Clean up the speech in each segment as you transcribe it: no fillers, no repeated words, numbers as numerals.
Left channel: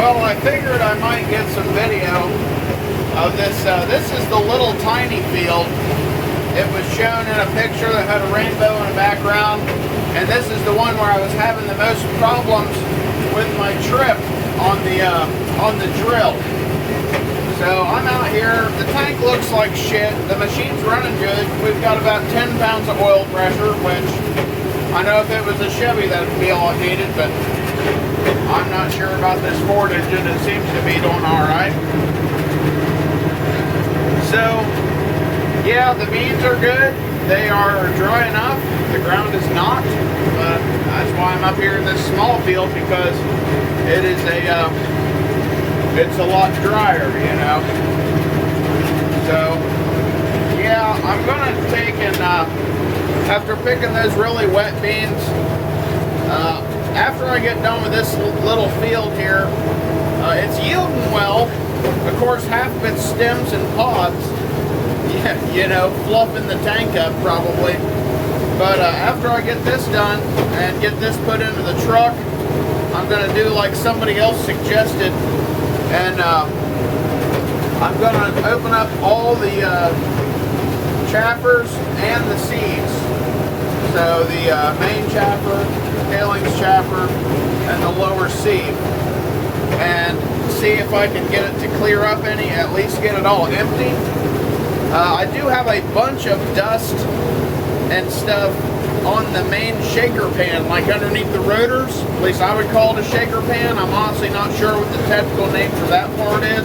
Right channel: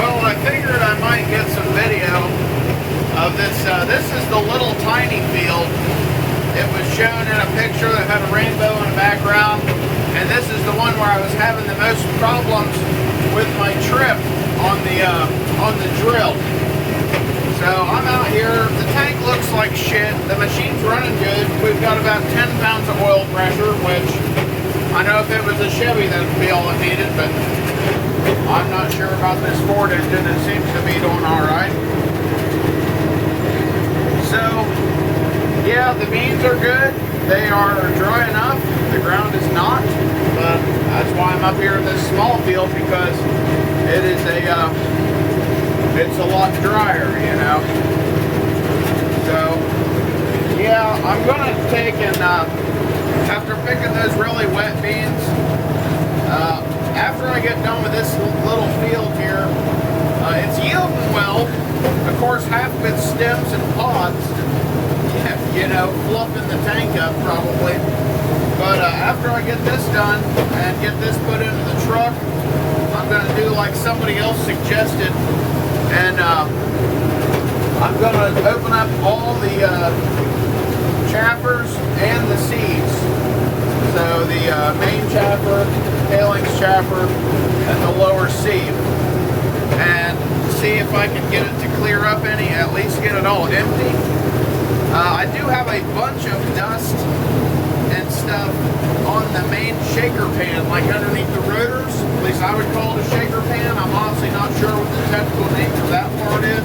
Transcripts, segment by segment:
Well, I figured I might get some video of this. This is the little tiny field. It was shown in a picture that had a rainbow in the background, and this is the one where I was having the most problems with my trip on the drill. So I'm out here. The tank looks like shit. The machine's running good. We've got about 10 pounds of oil pressure, which I know if it was a Chevy that would be all it needed, but I'm not sure about this Ford engine. It seems to be doing all right. So, yeah, the beans are good. They are dry enough. The ground is not, but that's why I'm up here in this small field, because it is it's a lot drier, you know. So, yeah, I'm gonna take and after picking those really wet beans, after I get done with this little field here, it's yielding well. Of course, half of it's stems and pods, you know, fluffing the tank up probably. But after I get this done and get this put into the truck, I'm going to do like somebody else suggested, and I'm going to open up all the chaffers and the seeds. So the main chaffer, tailings chaffer, and the lower sieve, and see if I can get it to clear up any, at least get it all empty. I do have a bunch of dust and stuff on the main shaker pan, like underneath the rotors. At least I would call it a shaker pan. I'm honestly not sure what the technical name for that part is.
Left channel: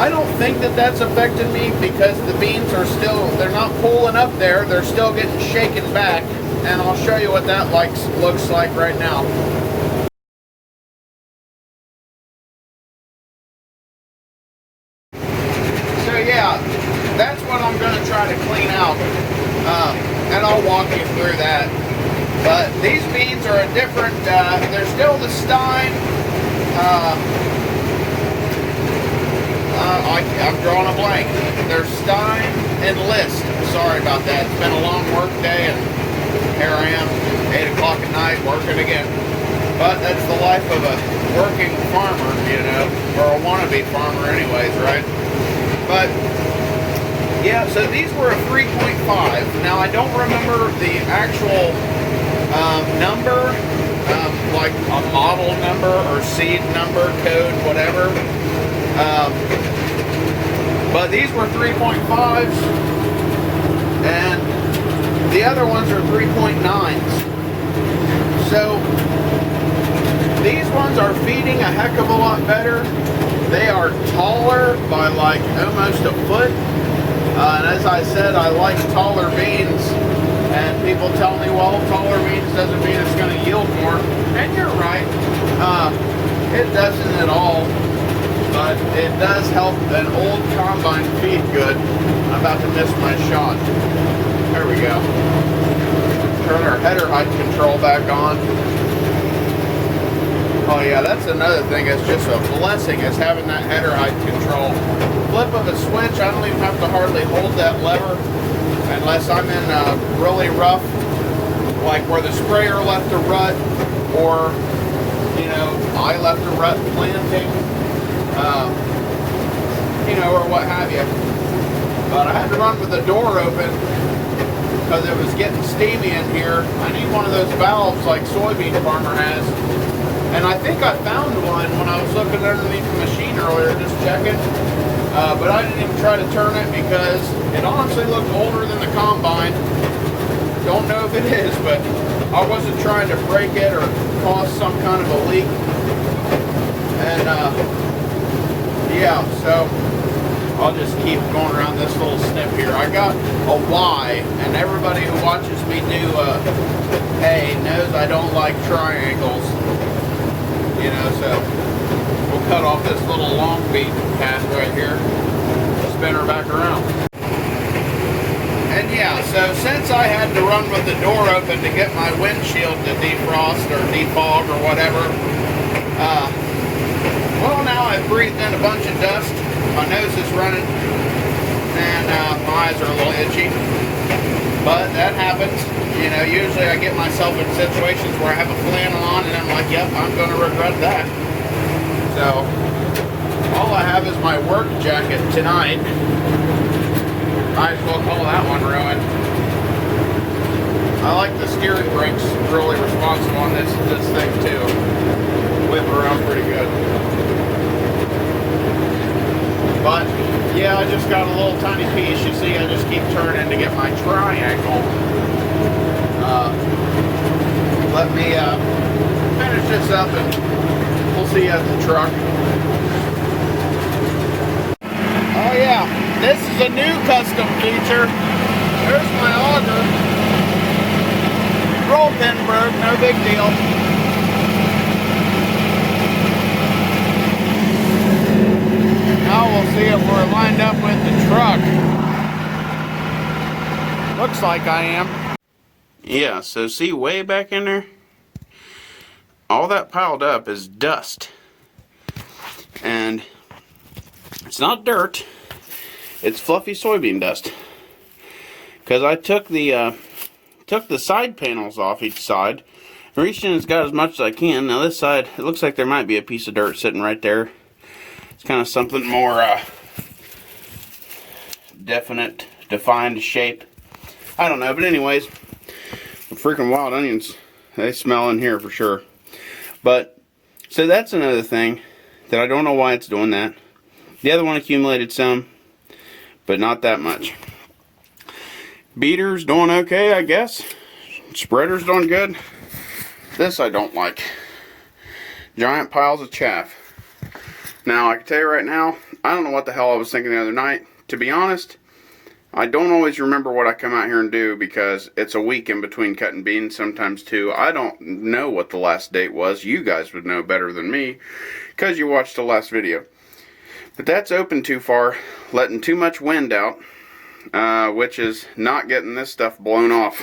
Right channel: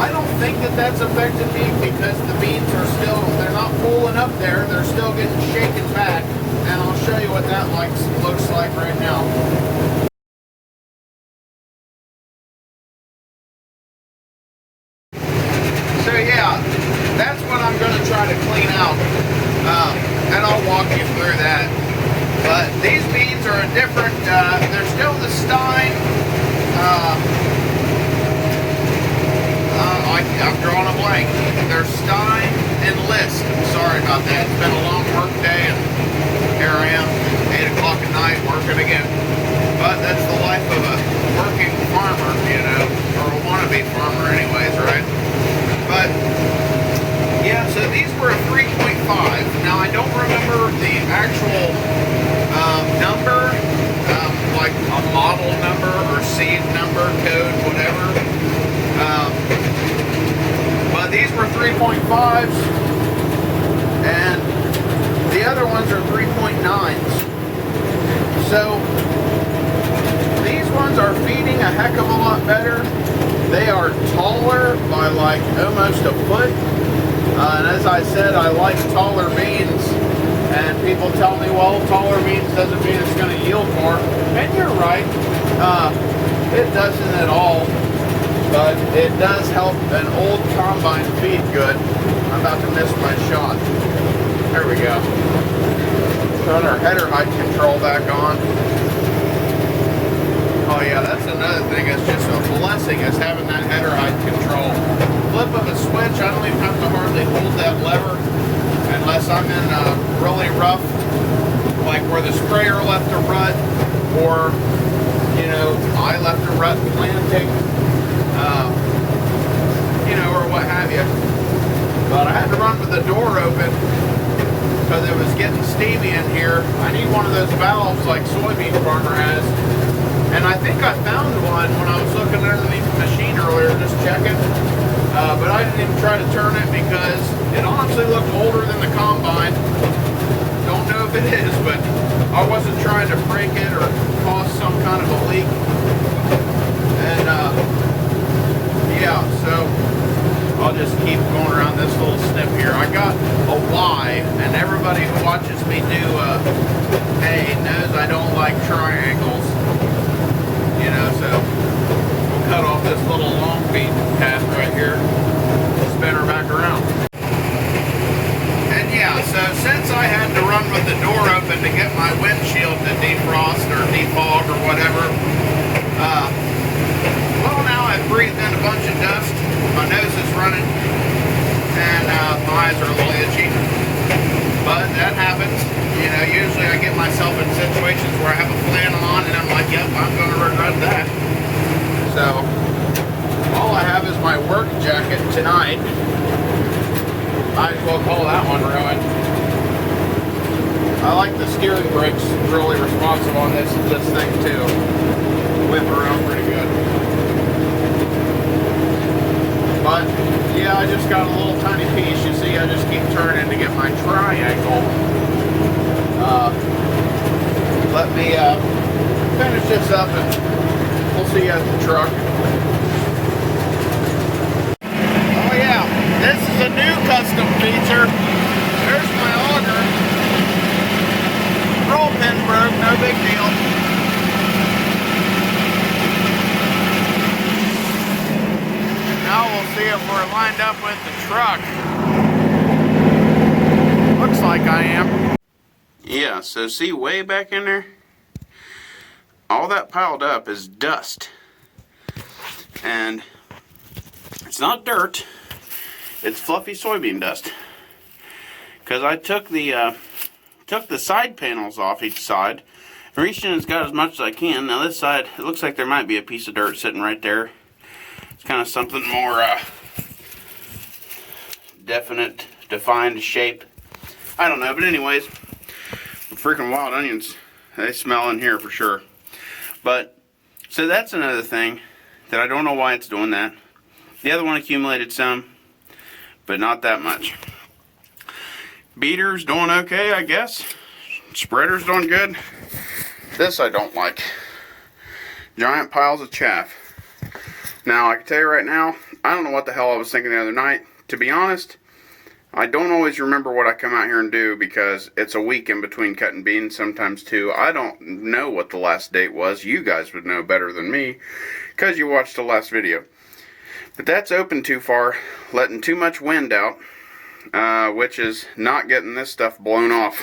I don't think that that's affected me, because the beans are still, they're not pulling up there, they're still getting shaken back, and I'll show you what that looks like right now. So yeah, that's what I'm going to try to clean out, and I'll walk you through that. But these beans are a different, they're still the Stein, I'm drawing a blank. They're Stein and List. Sorry about that. It's been a long work day, and here I am, 8 o'clock at night, working again. But that's the life of a working farmer, you know, or a wannabe farmer anyways, right? But, yeah, so these were a 3.5. Now, I don't remember the actual number, like a model number or seed number, code, whatever. But these were 3.5s, and the other ones are 3.9s. So these ones are feeding a heck of a lot better. They are taller by like almost a foot. And as I said, I like taller beans. And people tell me, well, taller beans doesn't mean it's going to yield more. And you're right. It doesn't at all. But it does help an old combine feed good. I'm about to miss my shot. There we go. Turn our header height control back on. Oh yeah, that's another thing. It's just a blessing is having that header height control. Flip of a switch, I don't even have to hardly hold that lever unless I'm in really rough, like where the sprayer left a rut, or, you know, I left a rut planting, you know, or what have you. But I had to run with the door open because it was getting steamy in here. I need one of those valves like soybean farmer has. And I think I found one when I was looking underneath the machine earlier, just checking. But I didn't even try to turn it because it honestly looked older than the combine. Don't know if it is, but I wasn't trying to break it or cause some kind of a leak. And yeah, so I'll just keep going around this little snip here. I got a Y, and everybody who watches me do A knows I don't like triangles. You know, so we'll cut off this little long beam path right here, spin her back around. And yeah, so since I had to run with the door open to get my windshield to defrost or defog or whatever, well, now I've breathed in a bunch of dust, my nose is running, and my eyes are a little itchy. But that happens. You know, usually I get myself in situations where I have a flannel on and I'm like, yep, I'm going to regret that. So, all I have is my work jacket tonight. Might as well call that one ruined. I like the steering brakes, really responsive on this thing too. Whip around pretty good. But yeah, I just got a little tiny piece. You see, I just keep turning to get my triangle. Let me finish this up and we'll see you at the truck. Oh yeah, this is a new custom feature. There's my auger. Roll pin broke, no big deal. Now we'll see if we're lined up with the truck. Looks like I am. Yeah, so see way back in there? All that piled up is dust. And it's not dirt. It's fluffy soybean dust. Because I took the side panels off each side. Reached in and got as much as I can. Now this side, it looks like there might be a piece of dirt sitting right there. It's kind of something more definite, defined shape. I don't know, but anyways, the freaking wild onions, they smell in here for sure. But, so that's another thing that I don't know why it's doing that. The other one accumulated some, but not that much. Beater's doing okay, I guess. Spreader's doing good. This I don't like. Giant piles of chaff. Now, I can tell you right now, I don't know what the hell I was thinking the other night. To be honest, I don't always remember what I come out here and do because it's a week in between cutting beans, sometimes two. I don't know what the last date was. You guys would know better than me because you watched the last video. But that's open too far, letting too much wind out, which is not getting this stuff blown off.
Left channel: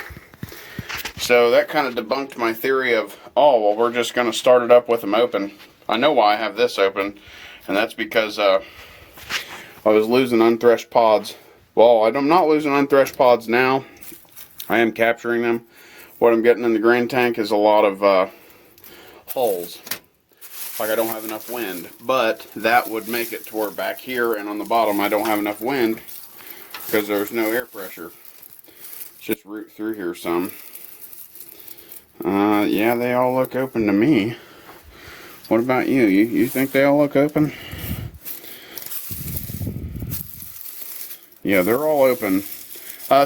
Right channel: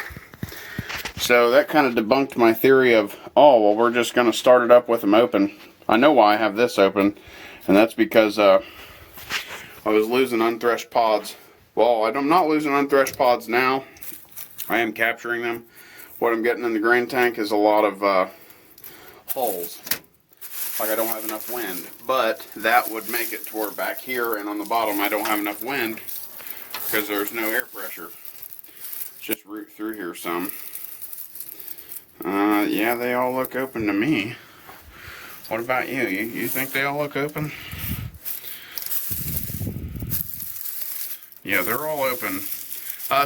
So that kind of debunked my theory of, oh, well, we're just going to start it up with them open. I know why I have this open, and that's because I was losing unthreshed pods. Well, I'm not losing unthreshed pods now. I am capturing them. What I'm getting in the grain tank is a lot of holes. Like I don't have enough wind. But that would make it to where back here and on the bottom I don't have enough wind because there's no air pressure. Let's just root through here some. Yeah, they all look open to me. What about you? You think they all look open? Yeah, they're all open.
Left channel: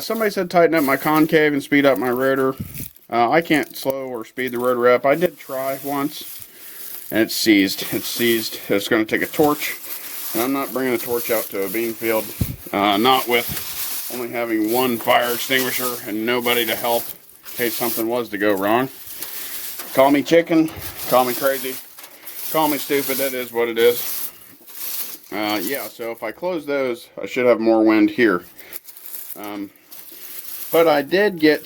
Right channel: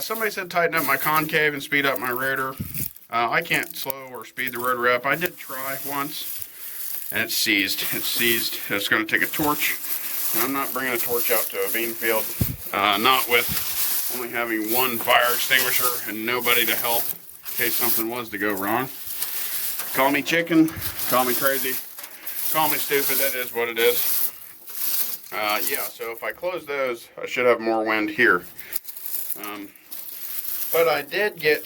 Somebody said tighten up my concave and speed up my rotor. I can't slow or speed the rotor up. I did try once, and it's seized. It's seized. It's going to take a torch. And I'm not bringing a torch out to a bean field. Not with only having one fire extinguisher and nobody to help in case something was to go wrong. Call me chicken. Call me crazy. Call me stupid. That is what it is. Yeah, so if I close those, I should have more wind here. But I did get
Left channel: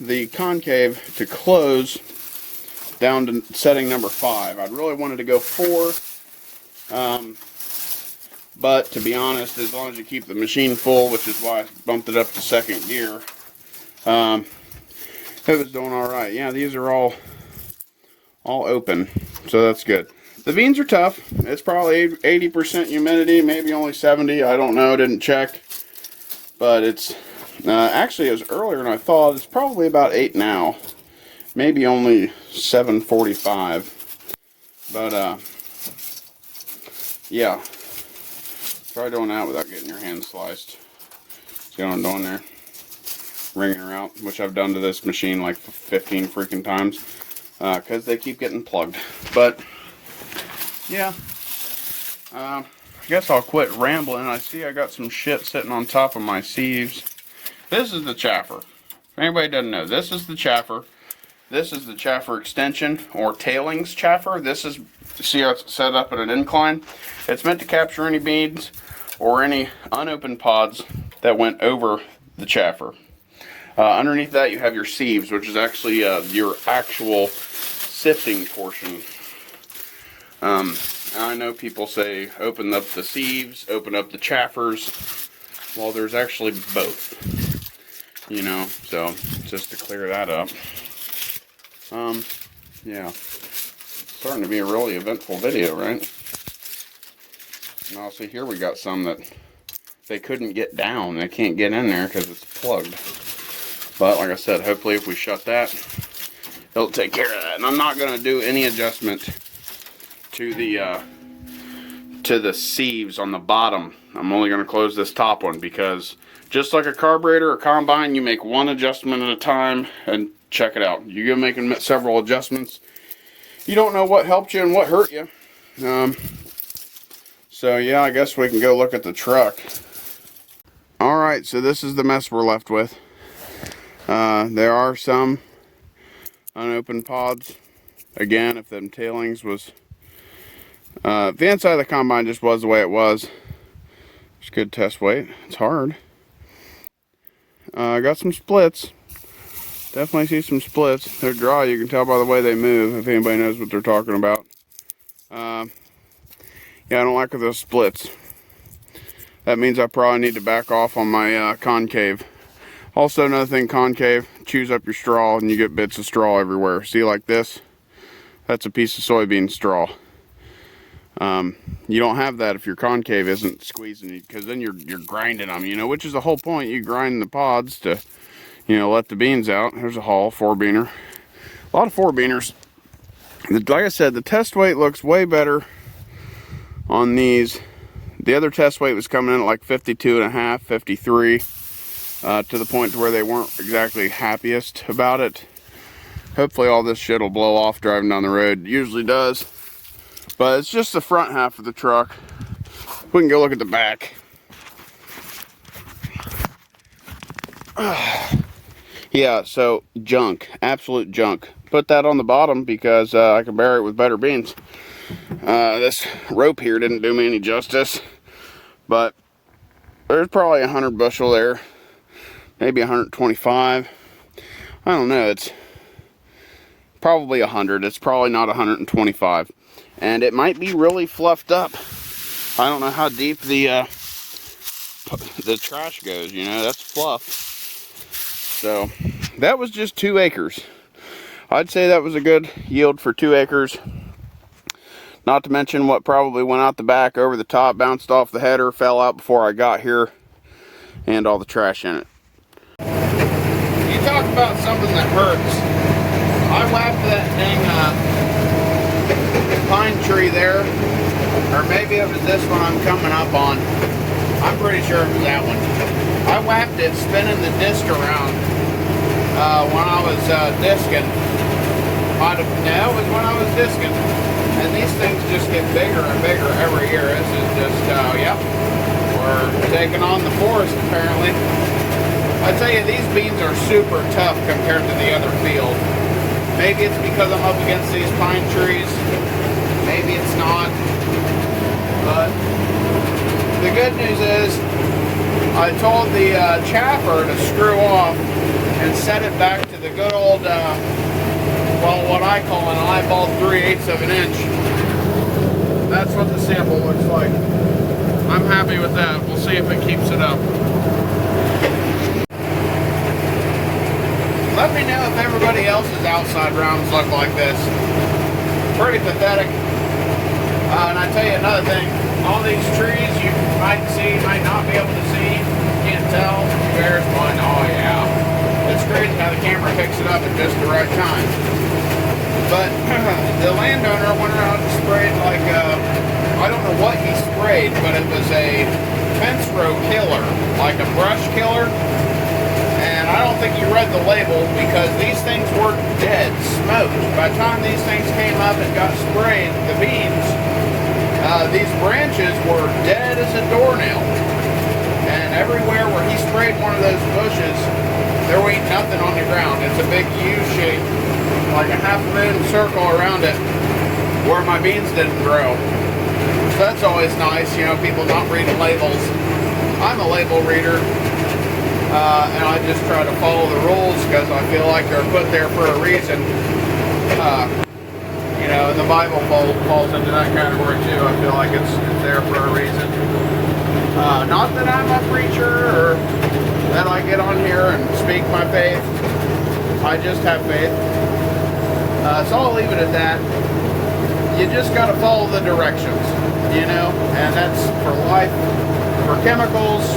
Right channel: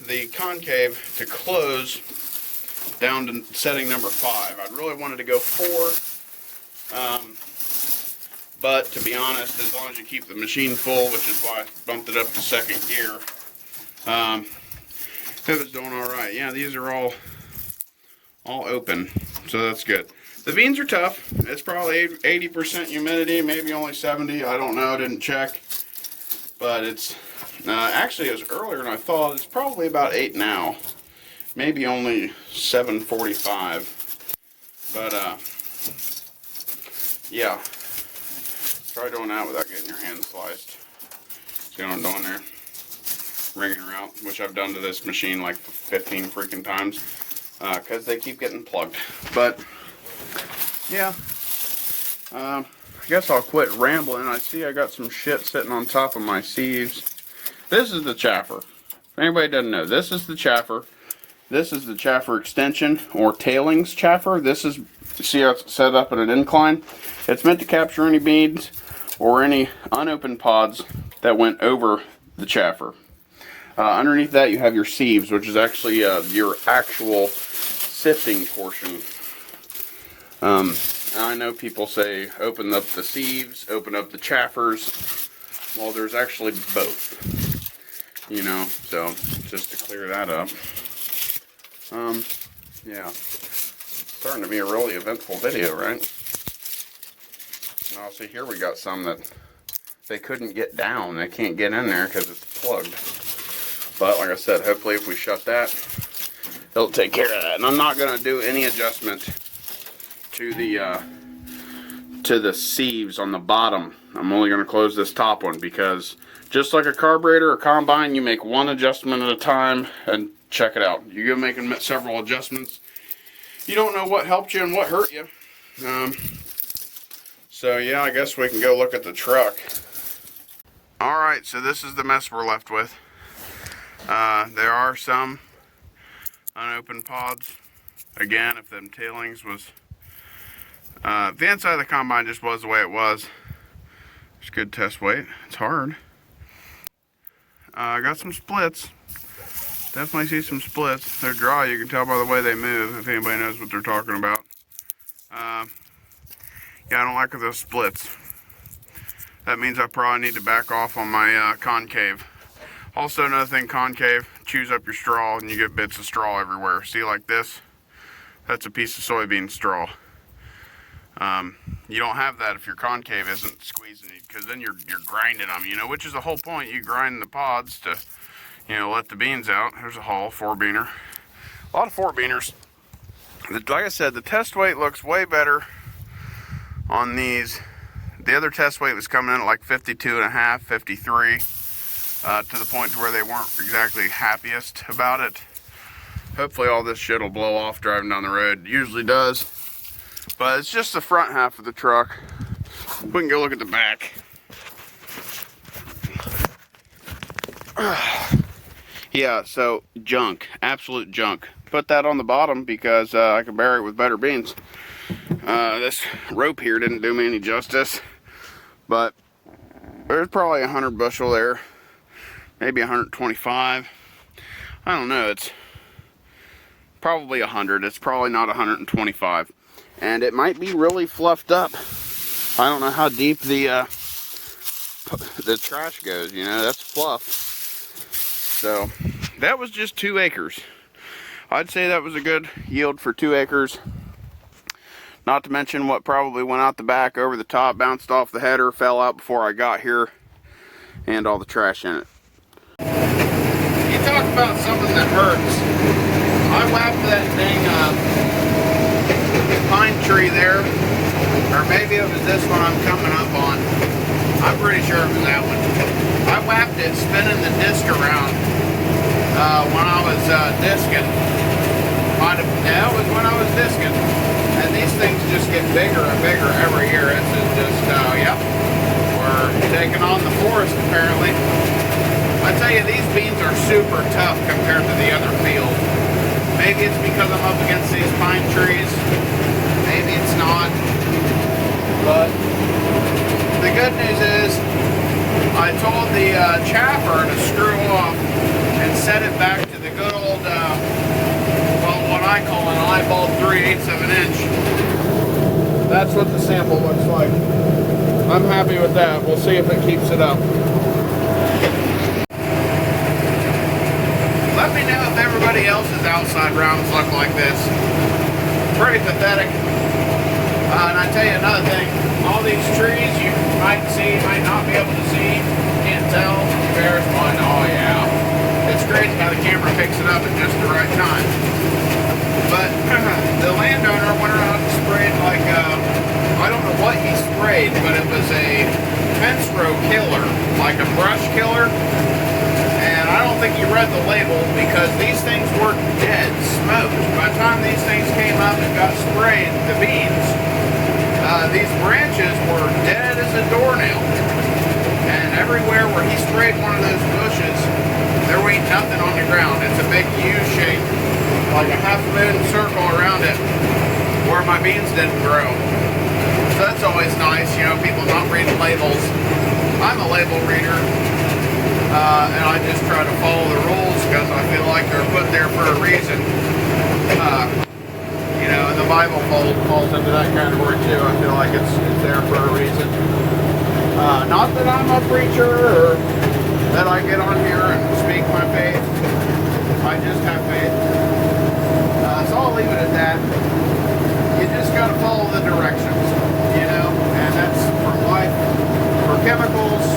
the concave to close down to setting number 5. I'd really wanted to go 4. But to be honest, as long as you keep the machine full, which is why I bumped it up to 2nd gear, it was doing alright. Yeah, these are all open, so that's good. The beans are tough. It's probably 80% humidity, maybe only 70. I don't know. I didn't check. But it's actually, it was earlier than I thought. It's probably about 8 now. Maybe only 7:45. But, yeah. Try doing that without getting your hand sliced. See what I'm doing there? Wringing her out, which I've done to this machine like 15 freaking times. Because they keep getting plugged. But yeah, I guess I'll quit rambling. I see I got some shit sitting on top of my sieves. This is the chaffer. If anybody doesn't know, this is the chaffer. This is the chaffer extension or tailings chaffer. This is, see how it's set up at an incline? It's meant to capture any beads or any unopened pods that went over the chaffer. Underneath that you have your sieves, which is actually your actual sifting portion. I know people say open up the sieves, open up the chaffers. Well, there's actually both. You know, so just to clear that up. Yeah. Starting to be a really eventful video, right? Now see here we got some that they couldn't get down. They can't get in there because it's plugged. But like I said, hopefully if we shut that, it'll take care of that. And I'm not going to do any adjustments to the sieves on the bottom. I'm only going to close this top one because just like a carburetor or combine, you make one adjustment at a time and check it out. You're making several adjustments. You don't know what helped you and what hurt you. So yeah, I guess we can go look at the truck. Alright, so this is the mess we're left with. There are some unopened pods. Again, if them tailings was... the inside of the combine just was the way it was. It's good test weight. It's hard. I got some splits. Definitely see some splits. They're dry. You can tell by the way they move, if anybody knows what they're talking about. Yeah, I don't like those splits. That means I probably need to back off on my concave. Also, another thing, concave, chews up your straw and you get bits of straw everywhere. See, like this? That's a piece of soybean straw. You don't have that if your concave isn't squeezing, because then you're grinding them, you know, which is the whole point. You grind the pods to, you know, let the beans out. There's a hull, 4-beaner. A lot of 4-beaners. Like I said, the test weight looks way better on these. The other test weight was coming in at like 52.5, 53, to the point to where they weren't exactly happiest about it. Hopefully all this shit will blow off driving down the road. It usually does. But it's just the front half of the truck. We can go look at the back. Yeah, so junk. Absolute junk. Put that on the bottom because I can bury it with better beans. This rope here didn't do me any justice. But there's probably 100 bushel there. Maybe 125. I don't know. It's probably 100. It's probably not 125. And it might be really fluffed up. I don't know how deep the trash goes, you know, that's fluff. So, that was just 2 acres. I'd say that was a good yield for 2 acres. Not to mention what probably went out the back, over the top, bounced off the header, fell out before I got here, and all the trash in it. You talk about something that hurts. I whacked that dang pine tree there, or maybe it was this one I'm coming up on. I'm pretty sure it was that one. I whacked it spinning the disc around when I was discing. No, it was when I was discing. And these things just get bigger and bigger every year. This is just, yep, we're taking on the forest apparently. I tell you, these beans are super tough compared to the other field. Maybe it's because I'm up against these pine trees. Maybe it's not. But the good news is, I told the chaffer to screw off and set it back to the good old, well, what I call an eyeball 3/8 of an inch. That's what the sample looks like. I'm happy with that. We'll see if it keeps it up. Let me know if everybody else's outside rounds look like this. Pretty pathetic. And I tell you another thing, all these trees you might see, might not be able to see, can't tell. There's one. Oh yeah. It's great how the camera picks it up at just the right time. But the landowner went around and sprayed like, I don't know what he sprayed, but it was a fence-row killer, like a brush killer. I don't think you read the label because these things were dead, smoked. By the time these things came up and got sprayed, the beans, these branches were dead as a doornail. And everywhere where he sprayed one of those bushes, there ain't nothing on the ground. It's a big U shape, like a half moon circle around it, where my beans didn't grow. So that's always nice, you know, people not reading labels. I'm a label reader. And I just try to follow the rules because I feel like they're put there for a reason. You know, the Bible falls into that category too. I feel like it's there for a reason. Not that I'm a preacher or that I get on here and speak my faith. I just have faith. So I'll leave it at that. You just got to follow the directions, you know, and that's for life, for chemicals,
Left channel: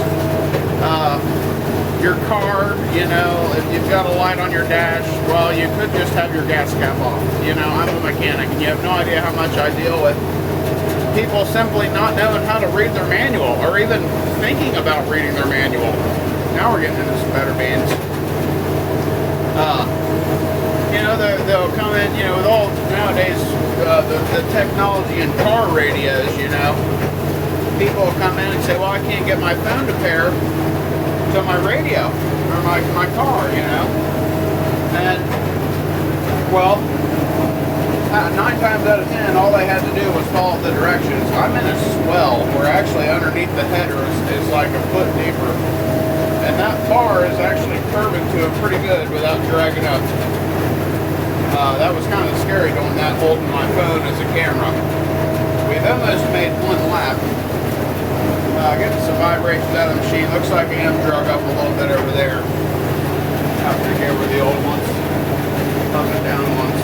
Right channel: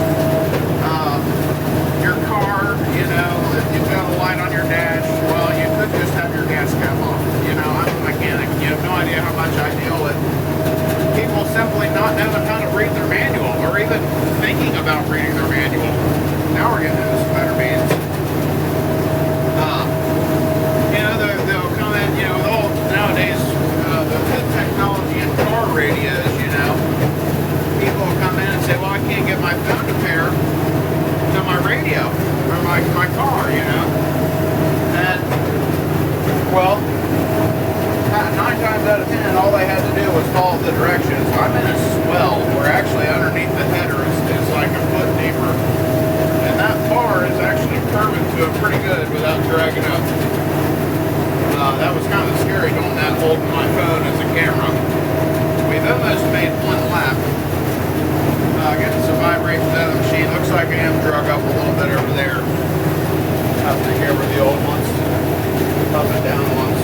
your car, you know, if you've got a light on your dash, well, you could just have your gas cap off. You know, I'm a mechanic, and you have no idea how much I deal with people simply not knowing how to read their manual, or even thinking about reading their manual. Now we're getting into some better bands. You know, they'll come in, you know, with all nowadays, the technology in car radios, you know, people will come in and say, well, I can't get my phone to pair to my radio, or my car, you know, and, well, 9 times out of 10, all they had to do was follow the directions. I'm in a swell where actually underneath the header is like a foot deeper. And that bar is actually curving to it pretty good without dragging up. That was kind of scary doing that, holding my phone as a camera. We've almost made one lap. Getting some vibrations out of the machine. Looks like I am drug up a little bit over there. Have to take over the old ones. Up and down ones.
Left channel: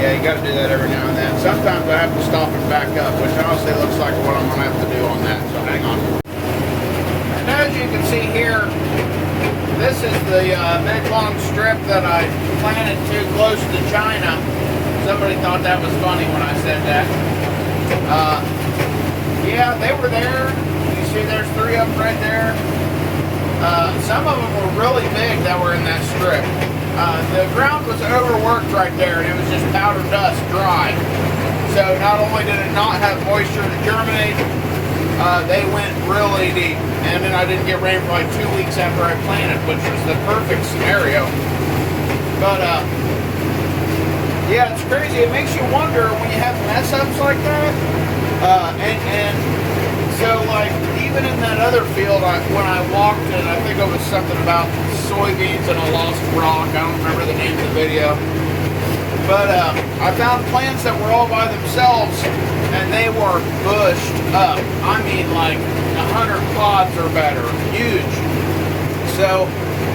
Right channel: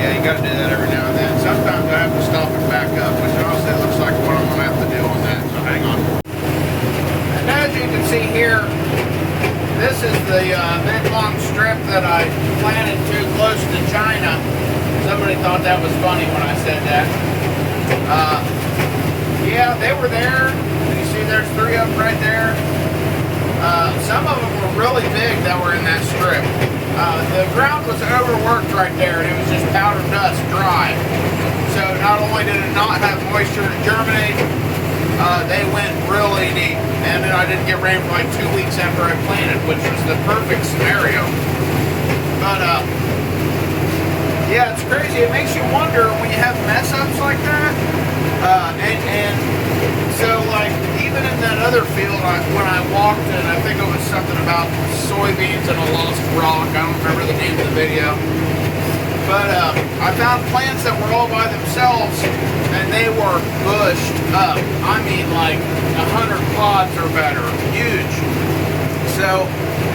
Yeah, you got to do that every now and then. Sometimes I have to stop and back up, which honestly looks like what I'm going to have to do on that, so hang on. And as you can see here, this is the big long strip that I planted too close to China. Somebody thought that was funny when I said that. Yeah, they were there. You see there's 3 of them right there. Some of them were really big that were in that strip. The ground was overworked right there, and it was just powder dust, dry. So not only did it not have moisture to germinate, they went really deep. And then I didn't get rain for like 2 weeks after I planted, which was the perfect scenario. But yeah, it's crazy. It makes you wonder when you have mess ups like that. And so like even in that other field, when I walked in, I think it was something about soybeans and a lost rock. I don't remember the name of the video. But I found plants that were all by themselves, and they were bushed up. I mean, like 100 pods or better, huge. So,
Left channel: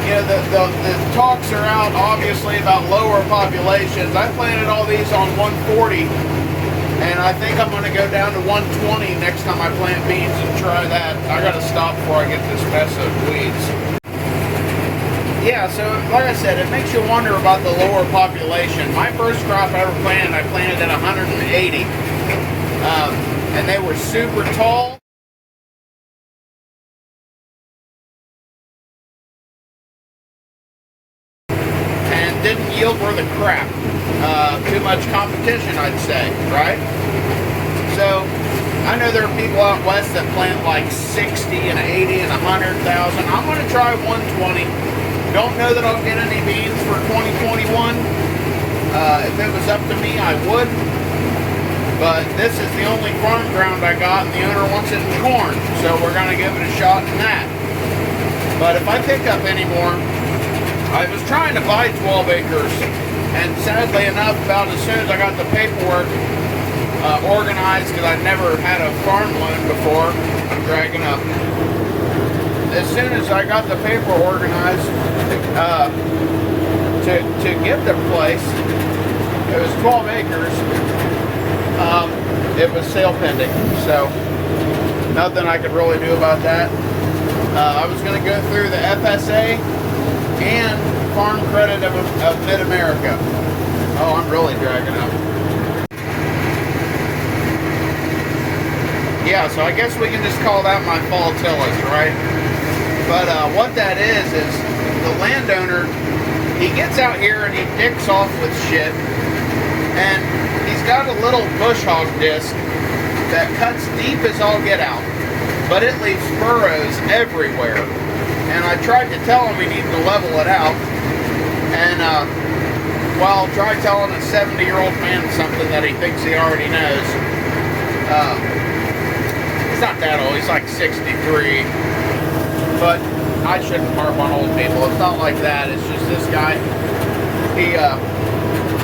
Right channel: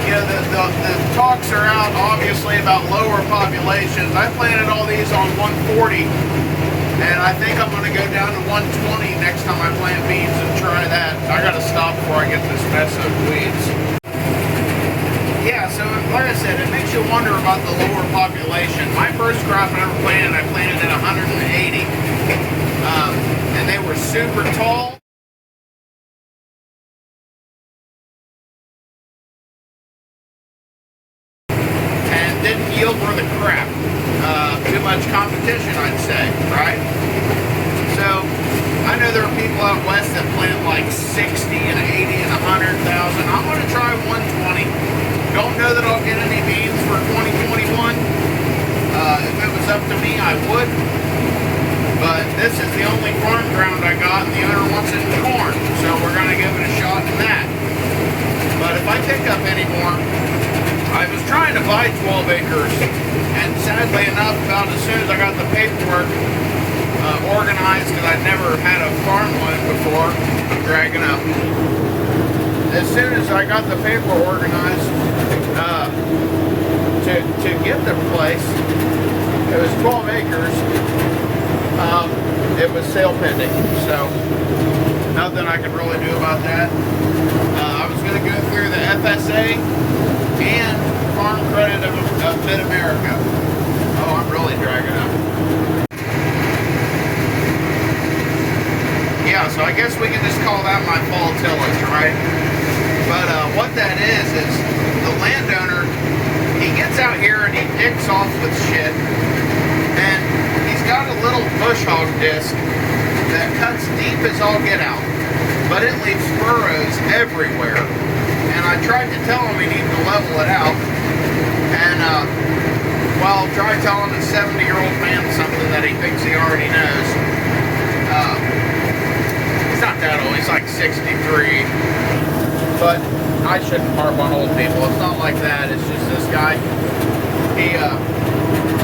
you know, the talks are out obviously about lower populations. I planted all these on 140, and I think I'm going to go down to 120 next time I plant beans and try that. I got to stop before I get this mess of weeds. Yeah, so like I said, it makes you wonder about the lower population. My first crop I ever planted, I planted at 180. And they were super tall. And didn't yield worth a crap. Too much competition, I'd say, right? So, I know there are people out west that plant like 60 and 80 and 100,000. I'm going to try 120. Don't know that I'll get any beans for 2021. If it was up to me, I would. But this is the only farm ground I got, and the owner wants it in corn. So we're going to give it a shot in that. But if I pick up any more, I was trying to buy 12 acres. And sadly enough, about as soon as I got the paperwork organized, because I'd never had a farm loan before, I'm dragging up. As soon as I got the paper organized to get the place, it was 12 acres. It was sale pending, so nothing I could really do about that. I was going to go through the FSA and Farm Credit of Mid-America. Oh, I'm really dragging up. Yeah, so I guess we can just call that my fall tillage, right? But what that is the landowner, he gets out here and he dicks off with shit, and he's got a little bush hog disc that cuts deep as all get out, but it leaves furrows everywhere. And I tried to tell him he needed to level it out, and well, try telling a 70-year-old man something that he thinks he already knows. He's not that old, he's like 63. But I shouldn't harp on old people. It's not like that. It's just this guy. He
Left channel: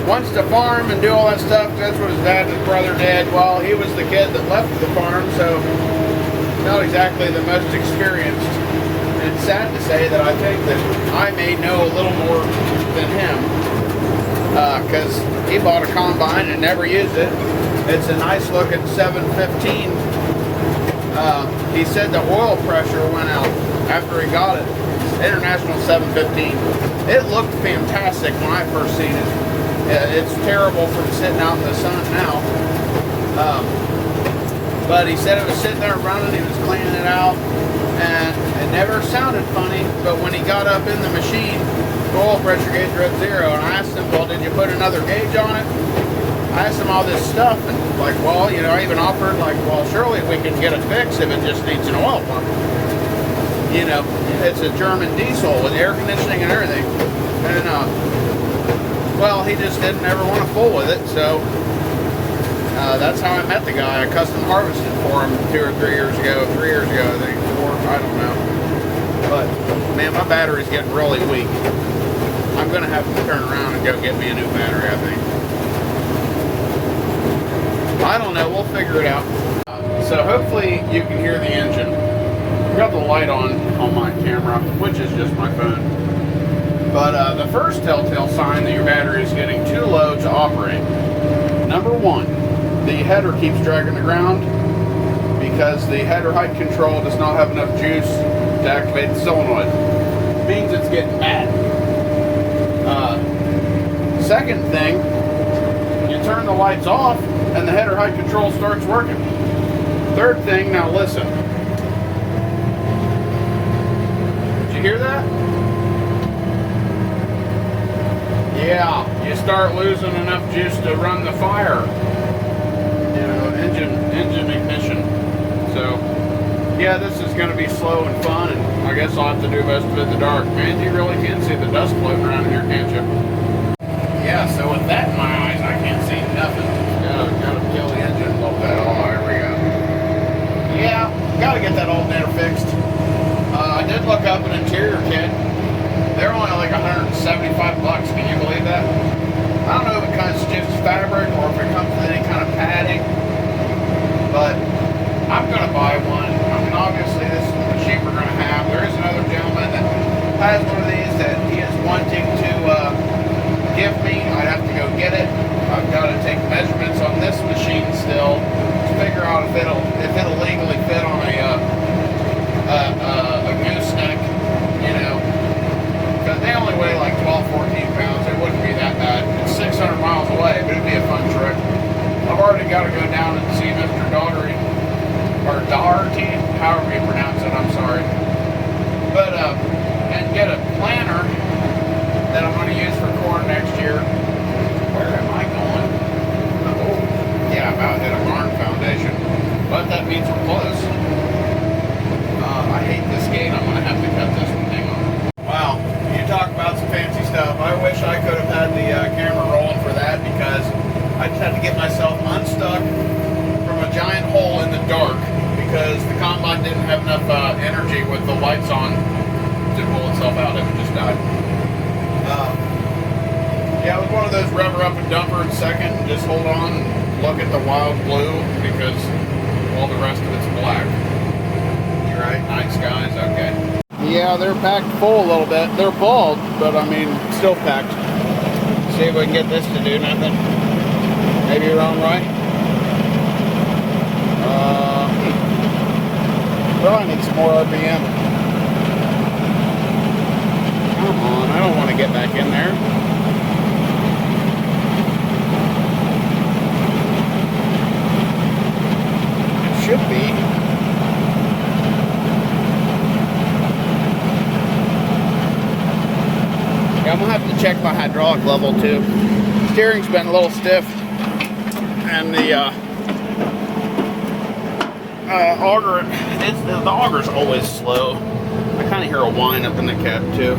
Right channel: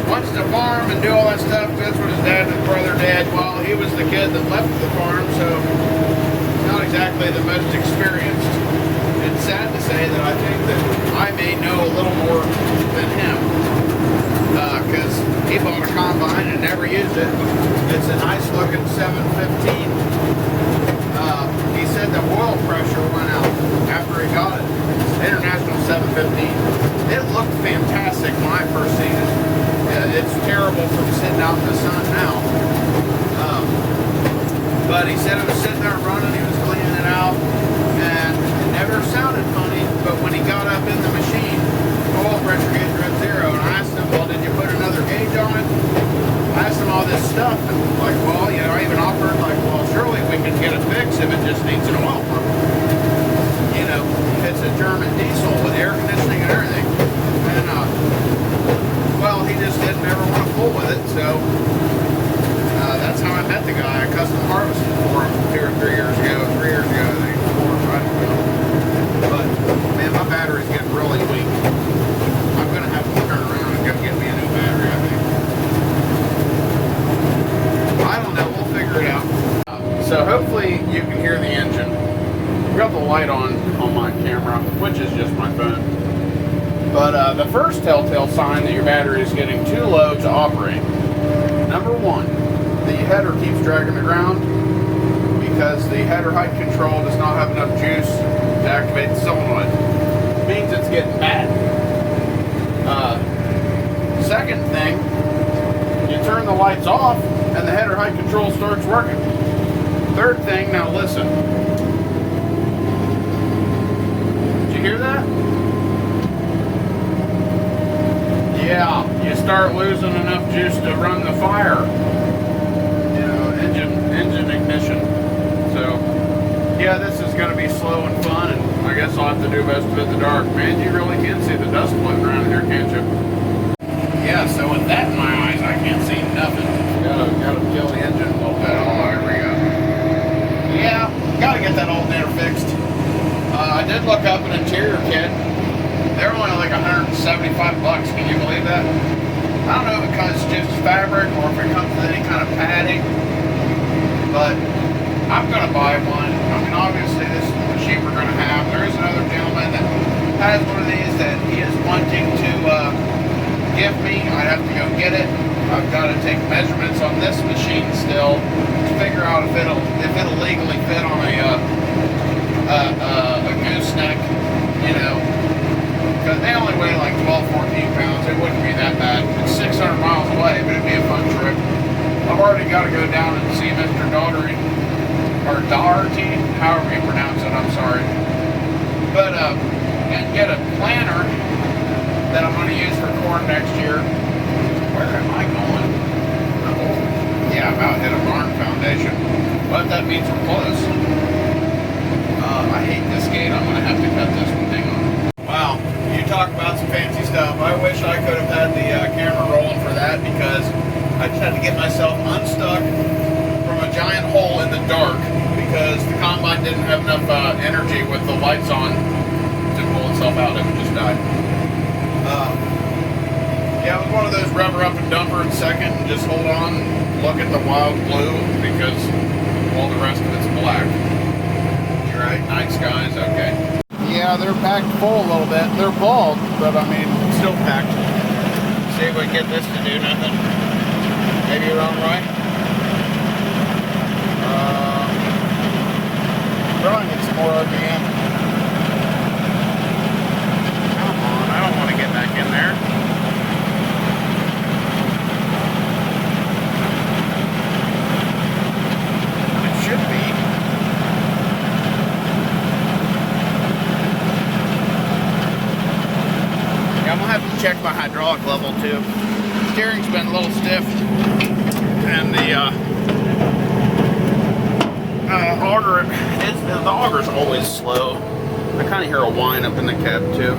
wants to farm and do all that stuff. That's what his dad and his brother did. Well, he was the kid that left the farm, so he's not exactly the most experienced. And it's sad to say that I think that I may know a little more than him. Because He bought a combine and never used it. It's a nice looking 715. He said the oil pressure went out after he got it. International 715. It looked fantastic when I first seen it. It's terrible from sitting out in the sun now. But he said it was sitting there running, he was cleaning it out, and it never sounded funny, but when he got up in the machine, the oil pressure gauge read 0, and I asked him, well, did you put another gauge on it? I asked him all this stuff, and like, well, you know, I even offered, like, well, surely we can get it fixed if it just needs an oil pump. You know, it's a German diesel with air conditioning and everything. And, well, he just didn't ever want to fool with it, so that's how I met the guy. I custom harvested for him 2 or 3 years ago. 3 years ago, I think, 4, I don't know. But, man, my battery's getting really weak. I'm going to have to turn around and go get me a new battery, I think. I don't know, we'll figure it out. So hopefully you can hear the engine. I've got the light on my camera, which is just my phone. But the first telltale sign that your battery is getting too low to operate. Number 1, the header keeps dragging the ground because the header height control does not have enough juice to activate the solenoid. It means it's getting bad. Second thing, you turn the lights off and the header height control starts working. Third thing, now listen. Did you hear that? Yeah, you start losing enough juice to run the fire. You know, engine ignition. So, yeah, this is going to be slow and fun, and I guess I'll have to do most of it in the dark. Man, you really can't see the dust floating around here, can't you? Yeah, so with that in my eyes, I can't see nothing. Gotta kill the engine. Oh, there we go. Yeah, gotta get that alternator fixed. I did look up an interior kit. They're only like $175. Can you believe that? I don't know if it comes just fabric or if it comes with any kind of padding, but I'm gonna buy one. I mean, obviously this is the machine we're gonna have. There is another gentleman that has one of these that he is wanting to give me. I have to go get it. I've got to take measurements on this machine still to figure out if it'll legally fit on a gooseneck, you know. Because they only weigh like 12, 14 pounds. It wouldn't be that bad. It's 600 miles away, but it'd be a fun trip. I've already got to go down and see Mr. Daugherty, or Daugherty, however you pronounce it, I'm sorry. But, and get a planter that I'm going to use for corn next year. Where am I going? Oh, yeah, I'm out at a barn foundation. But that means we're close. I hate this gate. I'm going to have to cut this one. Hang on. Wow, you talk about some fancy stuff. I wish I could have had the camera rolling for that because I just had to get myself unstuck from a giant hole in the dark because the combine didn't have enough energy with the lights on to pull itself out. It would just die. Yeah, it was one of those rubber up and dumper in second and just hold on and look at the wild blue because all the rest of it's black. You're right, night skies, okay. Yeah, they're packed full a little bit. They're bald, but I mean, still packed. See if we can get this to do nothing. Maybe around right. Probably need some more RPM. Come on, I don't want to get back in there. Should be. Yeah, I'm gonna have to check my hydraulic level too. Steering's been a little stiff, and the auger, the auger's always slow. I kind of hear a whine up in the cab too.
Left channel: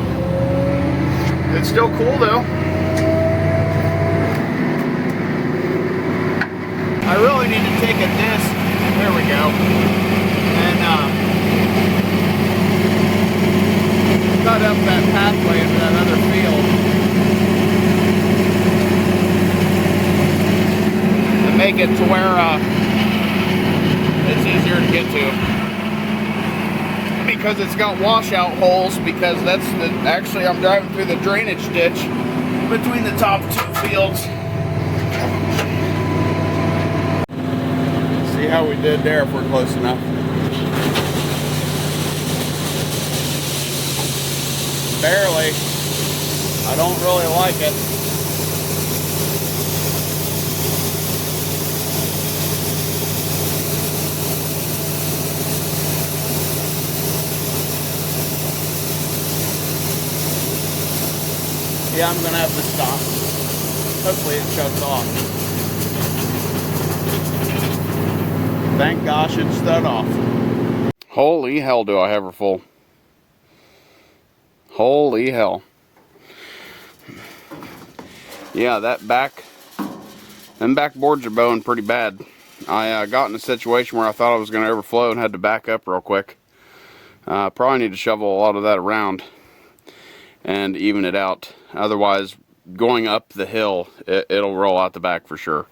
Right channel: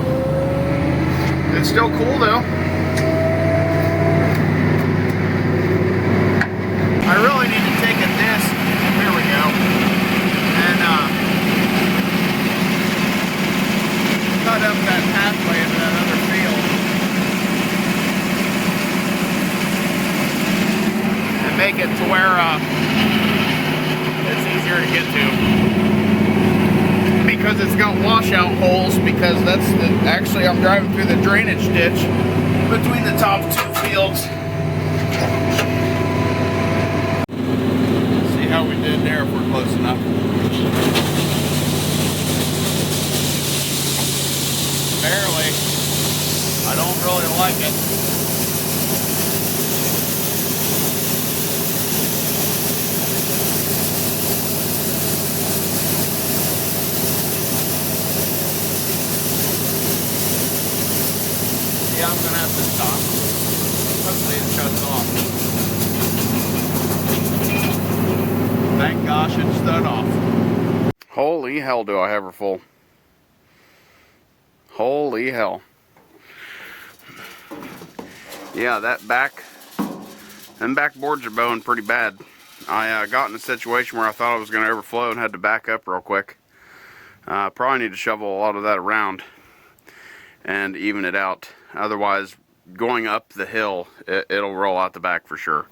It's still cool though. I really need to take a disc. There we go. And cut up that pathway into that other field. And make it to where it's easier to get to. Because it's got washout holes, because that's actually I'm driving through the drainage ditch between the top two fields. See how we did there if we're close enough. Barely. I don't really like it. Yeah, I'm gonna have to stop. Hopefully it shuts off. Thank gosh it shut off. Holy hell, do I have her full. Holy hell. Yeah, them back boards are bowing pretty bad. I got in a situation where I thought I was going to overflow and had to back up real quick. Probably need to shovel a lot of that around and even it out. Otherwise, going up the hill, it'll roll out the back for sure.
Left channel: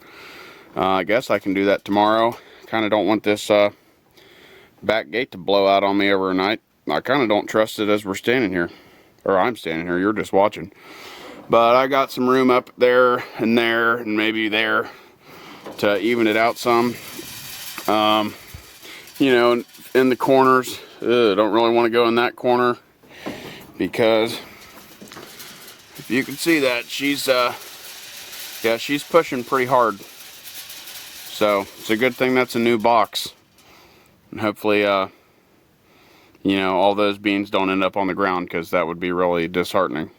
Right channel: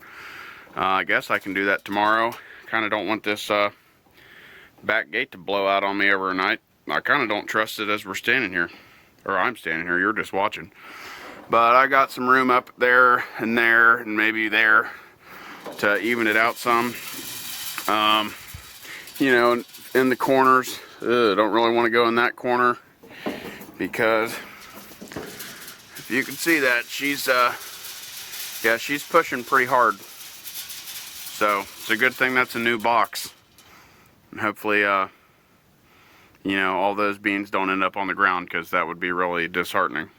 I guess I can do that tomorrow. Kind of don't want this back gate to blow out on me overnight. I kind of don't trust it as we're standing here. Or I'm standing here, you're just watching. But I got some room up there and maybe there to even it out some. You know, in the corners, don't really want to go in that corner because if you can see that, she's pushing pretty hard. So it's a good thing that's a new box. And hopefully, you know, all those beans don't end up on the ground because that would be really disheartening.